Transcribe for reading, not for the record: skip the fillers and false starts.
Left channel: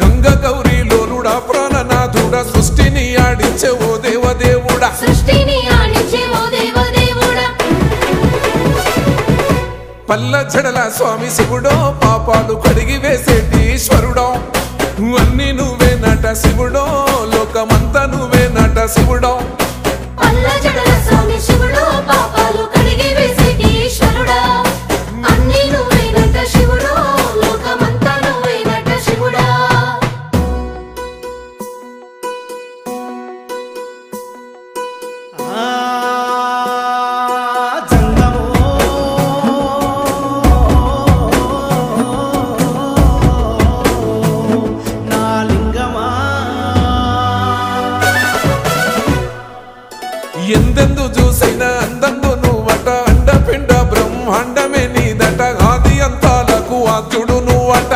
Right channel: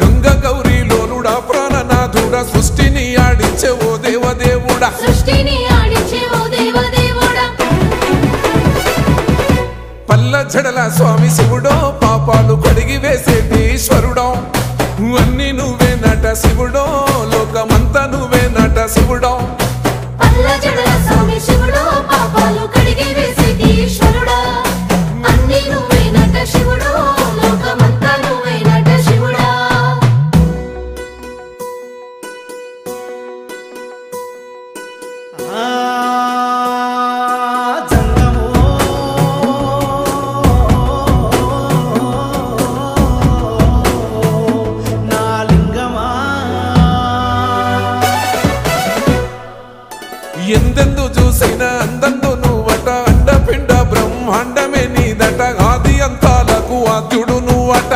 గంగ గౌరీ లోలుడా ప్రాణనాథుడా సృష్టిని ఆడించే ఓ దేవదేవుడా పల్ల జడల స్వామి శివుడో పాపాలు కడిగి వేసేటి ఈశ్వరుడో అన్ని నువ్వే నట శివుడో లోకమంతా నువ్వే నట శివుడో పల్ల జడల స్వామి శివుడో పాపాలు కడిగి వేసేటి ఈశ్వరుడా అన్ని నువ్వే నట శివుడో లోకమంతా నువ్వే నట శివుడా ఎందెందు చూసిన అందందు నువ్వట అండపిండ బ్రహ్మాండమే నీదట ఆది అంతాలకు ఆద్యుడు నువ్వట